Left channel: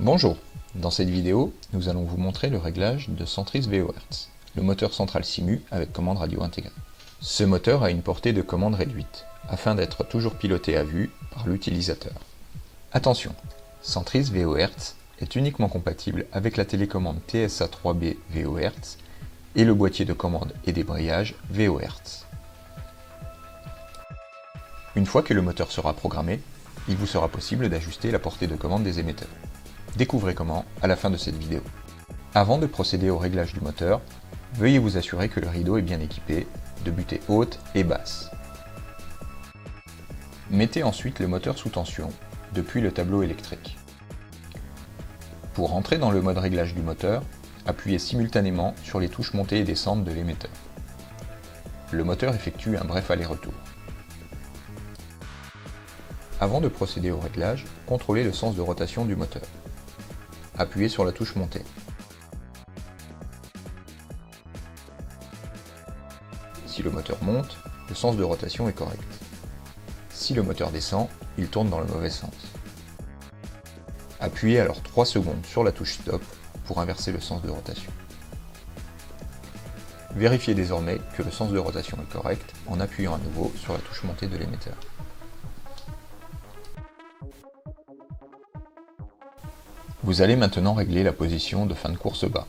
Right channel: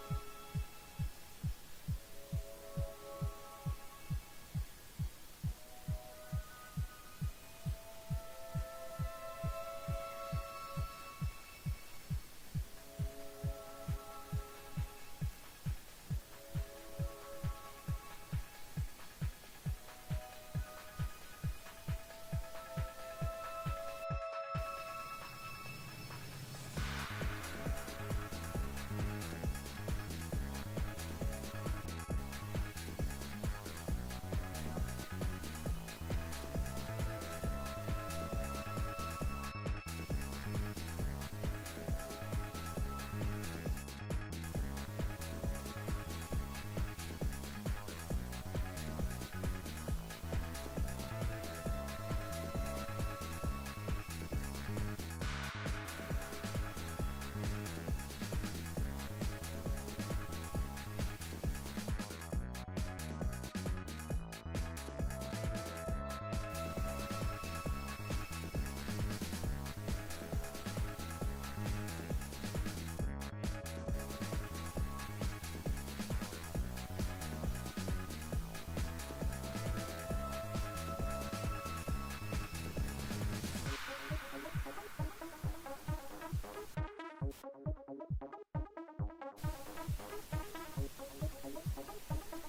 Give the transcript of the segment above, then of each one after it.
Bonjour, dans cette vidéo, nous allons vous montrer le réglage de Centris VO-Hertz, le moteur central Simu avec commande radio intégrée. Ce moteur a une portée de commande réduite, afin d'être toujours piloté à vue par l'utilisateur. Attention, Centris VO-Hertz est uniquement compatible avec la télécommande TSA3B VO-Hertz et le boîtier de commande et débrayage VO-Hertz. Une fois que le moteur sera programmé, il vous sera possible d'ajuster la portée de commande des émetteurs. Découvrez comment à la fin de cette vidéo. Avant de procéder au réglage du moteur, veuillez vous assurer que le rideau est bien équipé de butées hautes et basses. Mettez ensuite le moteur sous tension depuis le tableau électrique. Pour entrer dans le mode réglage du moteur, appuyez simultanément sur les touches montée et descente de l'émetteur. Le moteur effectue un bref aller-retour. Avant de procéder au réglage, contrôlez le sens de rotation du moteur. Appuyez sur la touche montée. Si le moteur monte, le sens de rotation est correct. Si le moteur descend, il tourne dans le mauvais sens. Appuyez alors 3 secondes sur la touche stop pour inverser le sens de rotation. Vérifiez désormais que le sens de rotation est correct en appuyant à nouveau sur la touche montée de l'émetteur. Vous allez maintenant régler la position de fin de course bas.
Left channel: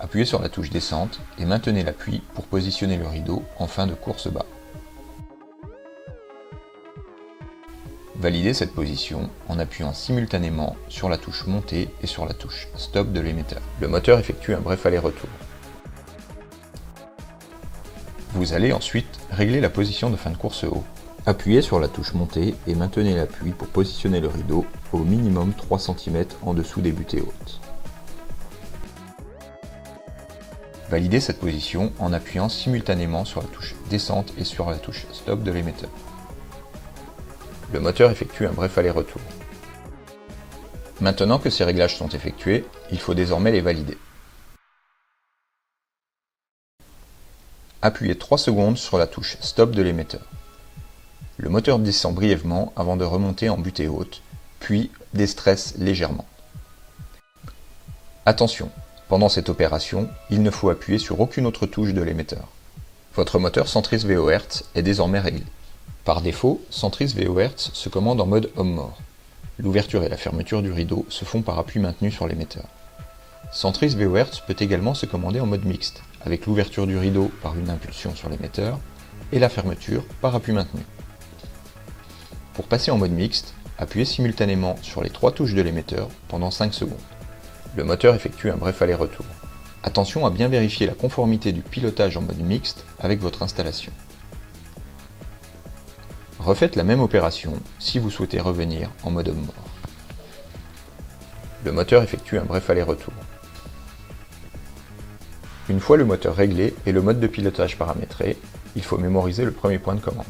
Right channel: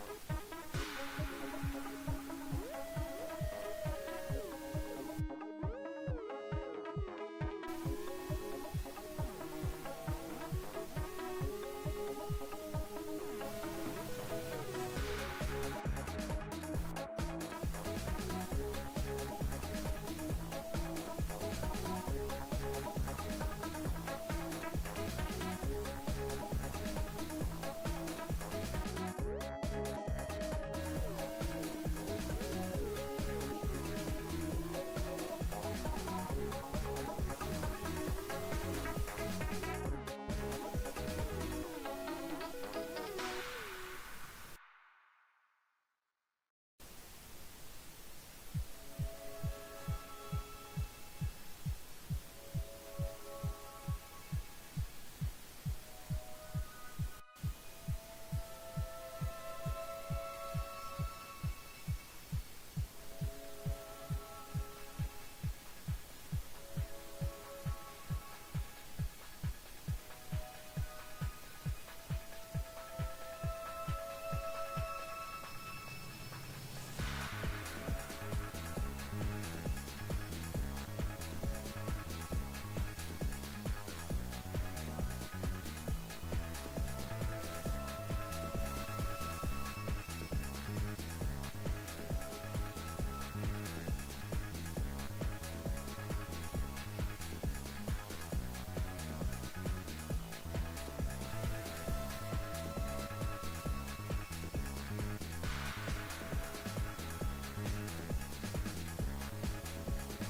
Appuyez sur la touche descente et maintenez l'appui pour positionner le rideau en fin de course bas. Validez cette position en appuyant simultanément sur la touche montée et sur la touche stop de l'émetteur. Le moteur effectue un bref aller-retour. Vous allez ensuite régler la position de fin de course haut. Appuyez sur la touche montée et maintenez l'appui pour positionner le rideau au minimum 3 cm en dessous des butées hautes. Validez cette position en appuyant simultanément sur la touche descente et sur la touche stop de l'émetteur. Le moteur effectue un bref aller-retour. Maintenant que ces réglages sont effectués, il faut désormais les valider. Appuyez 3 secondes sur la touche stop de l'émetteur. Le moteur descend brièvement avant de remonter en butée haute, puis déstresse légèrement. Attention, pendant cette opération, il ne faut appuyer sur aucune autre touche de l'émetteur. Votre moteur Centris VO-Hertz est désormais réglé. Par défaut, Centris VO-Hertz se commande en mode homme-mort. L'ouverture et la fermeture du rideau se font par appui maintenu sur l'émetteur. Centris VO-Hertz peut également se commander en mode mixte, avec l'ouverture du rideau par une impulsion sur l'émetteur et la fermeture par appui maintenu. Pour passer en mode mixte, appuyez simultanément sur les 3 touches de l'émetteur pendant 5 secondes. Le moteur effectue un bref aller-retour. Attention à bien vérifier la conformité du pilotage en mode mixte avec votre installation. Refaites la même opération si vous souhaitez revenir en mode homme-mort. Le moteur effectue un bref aller-retour. Une fois le moteur réglé et le mode de pilotage paramétré, il faut mémoriser le premier point de commande.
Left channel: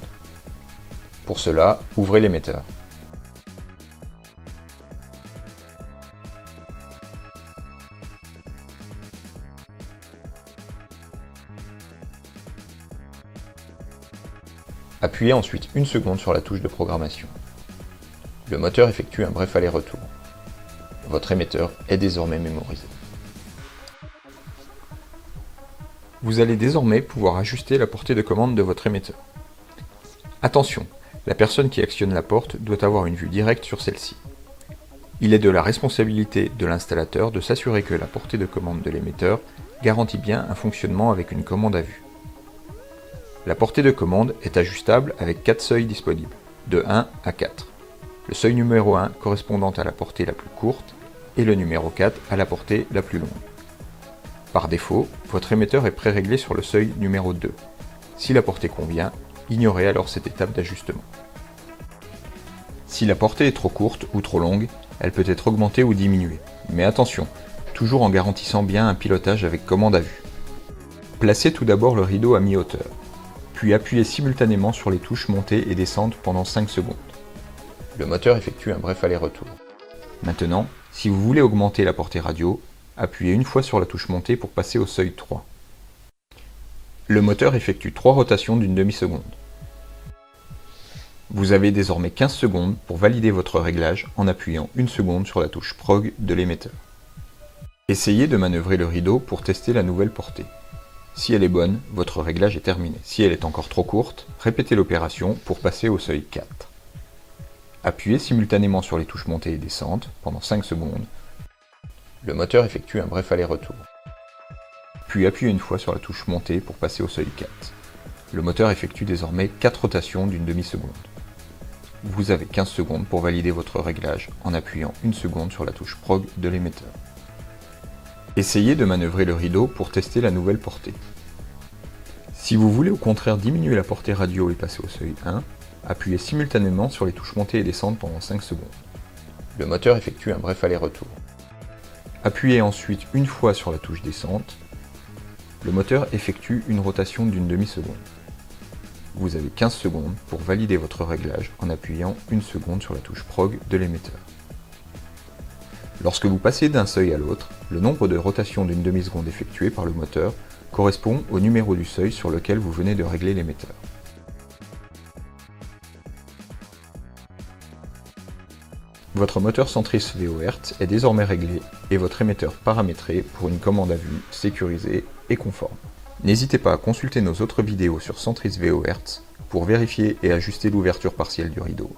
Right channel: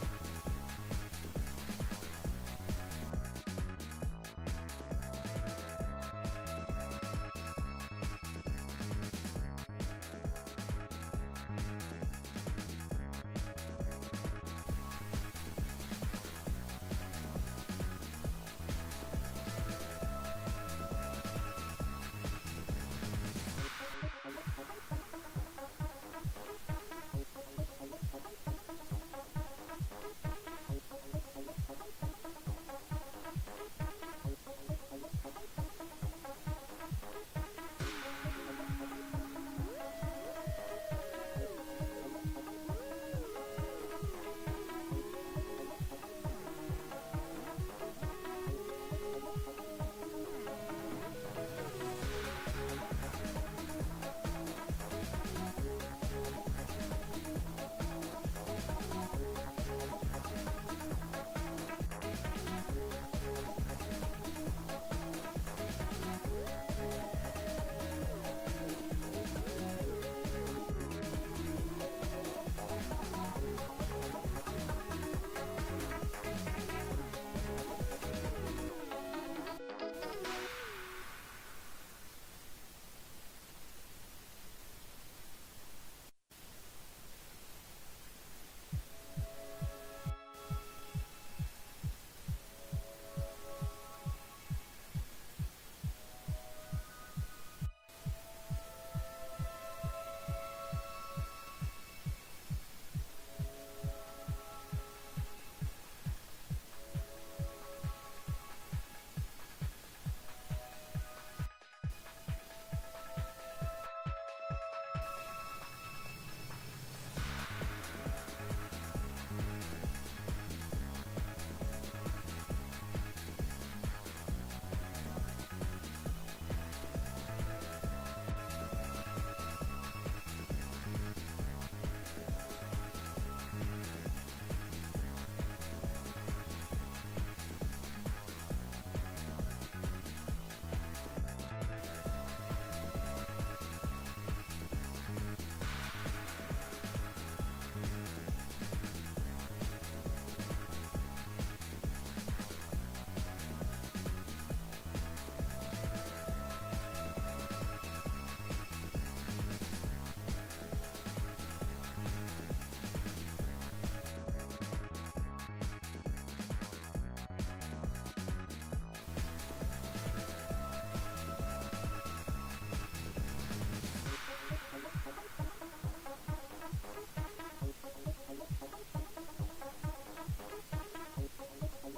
Pour cela, ouvrez l'émetteur. Appuyez ensuite 1 seconde sur la touche de programmation. Le moteur effectue un bref aller-retour. Votre émetteur est désormais mémorisé. Vous allez désormais pouvoir ajuster la portée de commande de votre émetteur. Attention, la personne qui actionne la porte doit avoir une vue directe sur celle-ci. Il est de la responsabilité de l'installateur de s'assurer que la portée de commande de l'émetteur garantit bien un fonctionnement avec une commande à vue. La portée de commande est ajustable avec 4 seuils disponibles, de 1 à 4. Le seuil numéro 1 correspondant à la portée la plus courte et le numéro 4 à la portée la plus longue. Par défaut, votre émetteur est pré-réglé sur le seuil numéro 2. Si la portée convient, ignorez alors cette étape d'ajustement. Si la portée est trop courte ou trop longue, elle peut être augmentée ou diminuée. Mais attention, toujours en garantissant bien un pilotage avec commande à vue. Placez tout d'abord le rideau à mi-hauteur, puis appuyez simultanément sur les touches montée et descente pendant 5 secondes. Le moteur effectue un bref aller-retour. Maintenant, si vous voulez augmenter la portée radio, appuyez une fois sur la touche montée pour passer au seuil 3. Le moteur effectue 3 rotations d'une demi-seconde. Vous avez désormais 15 secondes pour valider votre réglage en appuyant 1 seconde sur la touche Prog de l'émetteur. Essayez de manœuvrer le rideau pour tester la nouvelle portée. Si elle est bonne, votre réglage est terminé. Si elle est encore trop courte, répétez l'opération pour passer au seuil 4. Appuyez simultanément sur les touches montée et descente pendant 5 secondes. Le moteur effectue un bref aller-retour. Puis appuyez une fois sur la touche montée pour passer au seuil 4. Le moteur effectue désormais 4 rotations d'une demi-seconde. Vous avez 15 secondes pour valider votre réglage en appuyant 1 seconde sur la touche Prog de l'émetteur. Essayez de manœuvrer le rideau pour tester la nouvelle portée. Si vous voulez au contraire diminuer la portée radio et passer au seuil 1, appuyez simultanément sur les touches montée et descente pendant 5 secondes. Le moteur effectue un bref aller-retour. Appuyez ensuite une fois sur la touche descente. Le moteur effectue une rotation d'une demi-seconde. Vous avez 15 secondes pour valider votre réglage en appuyant 1 seconde sur la touche Prog de l'émetteur. Lorsque vous passez d'un seuil à l'autre, le nombre de rotations d'une demi-seconde effectuées par le moteur correspond au numéro du seuil sur lequel vous venez de régler l'émetteur. Votre moteur centrifuge VO-Hertz est désormais réglé et votre émetteur paramétré pour une commande à vue sécurisée et conforme. N'hésitez pas à consulter nos autres vidéos sur centrifuge VO-Hertz pour vérifier et ajuster l'ouverture partielle du rideau,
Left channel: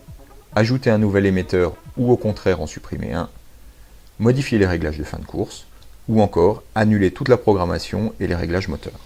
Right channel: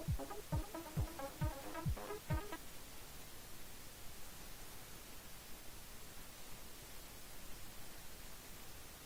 ajouter un nouvel émetteur ou au contraire en supprimer un, modifier les réglages de fin de course, ou encore annuler toute la programmation et les réglages moteurs.